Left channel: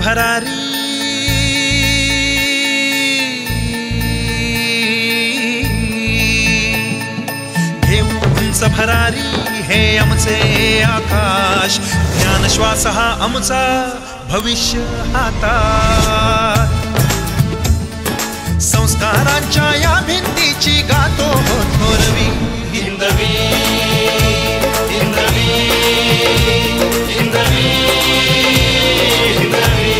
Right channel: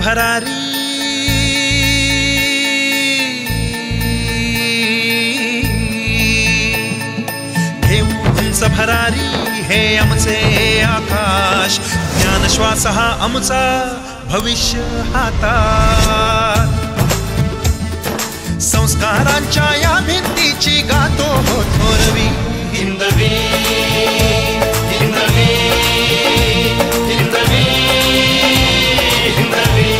भरारी उंच भरारी हे आमचे आकाश, ज्ञान श्वास हा आमचा भविष्य हातात, संस्कारांच्या या भिंतीची गातो हो थोरवी हिंदवी हिंदवी हिंदवी हिंदवी।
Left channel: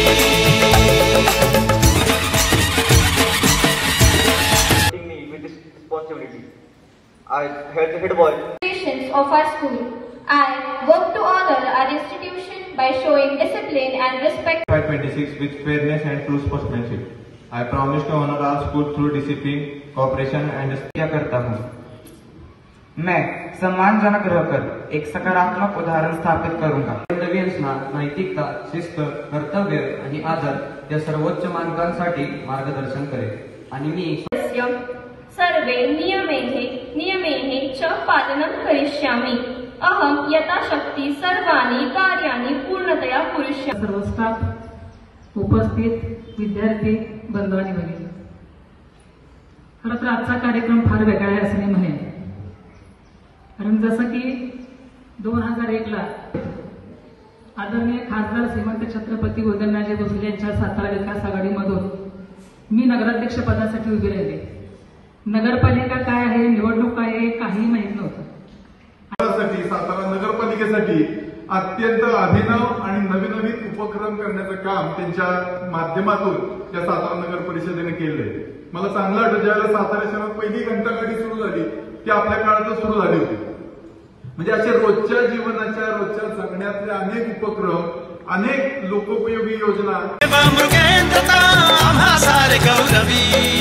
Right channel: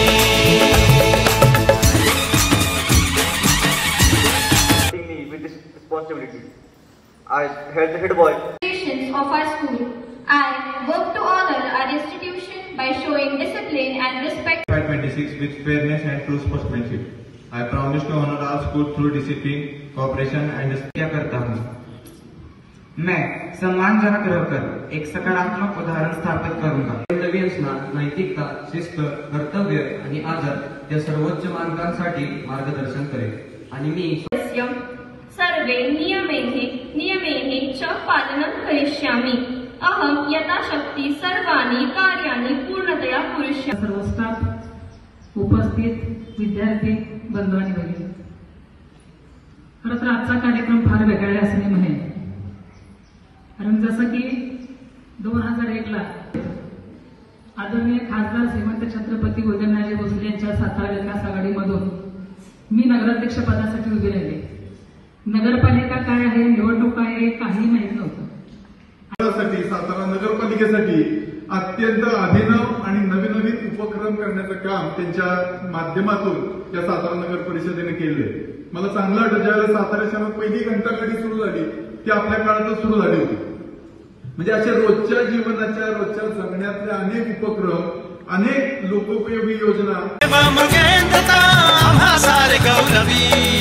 I head boy of our school. I work to honor our institution by showing discipline and respect. 26 with fairness and true sportsmanship. I promise to honor our school through discipline, cooperation and क्या करता हूँ मैं सम्मानजनक रहकर एक सकारात्मक उदाहरण स्थापित करूंगा। कर्तव्यांना नैतिकता, शिस्त, कर्तव्य आणि आदर या सर्वोच्च मानकांसाठी मार्गदर्शन करेल आणि मी सर्वे नियमैः च पालनं करिष्यामि। अहं यथाशक्ति सर्वाणि कार्याणि पूर्णतया करिष्यामि। सर्व स्टाफ, उपस्थित विद्यार्थी बंधू आणि भगिनी, खरं तर आजचा कार्यक्रम फार वेगळा आहे असं मी म्हणेन, कारण जसं की 2001 ला आदरणीय खासदार श्रीमंत छत्रपती उदयनराजे भोसले यांच्या सातारा विकास आघाडीमधून मी नगराध्यक्ष पदासाठी उभी राहिली। नगरपालिका काय आहे, निवडणूक काय आहे, काही माहित नव्हतं। सातारा नगरपालिकेसाठी अत्यंत अभिनव आणि नवनवीन उपक्रम करण्याचं काम त्यांच्या माध्यमातून त्या सातारा नगर परिषदेने केलंय। मला चांगलं वाटतं, ज्यावेळेस सातारा शहरात पहिली घंटागाडी सुरू झाली ती आपल्या काळातच सुरू झाली होती। म्हणजे अशा रोजच्या जीवनाच्या, रोजच्या जगण्यातले अनेक उपक्रम, अनेक लोकोपयोगी योजना मृगेंद्रता आम्हा सारे गौरवी।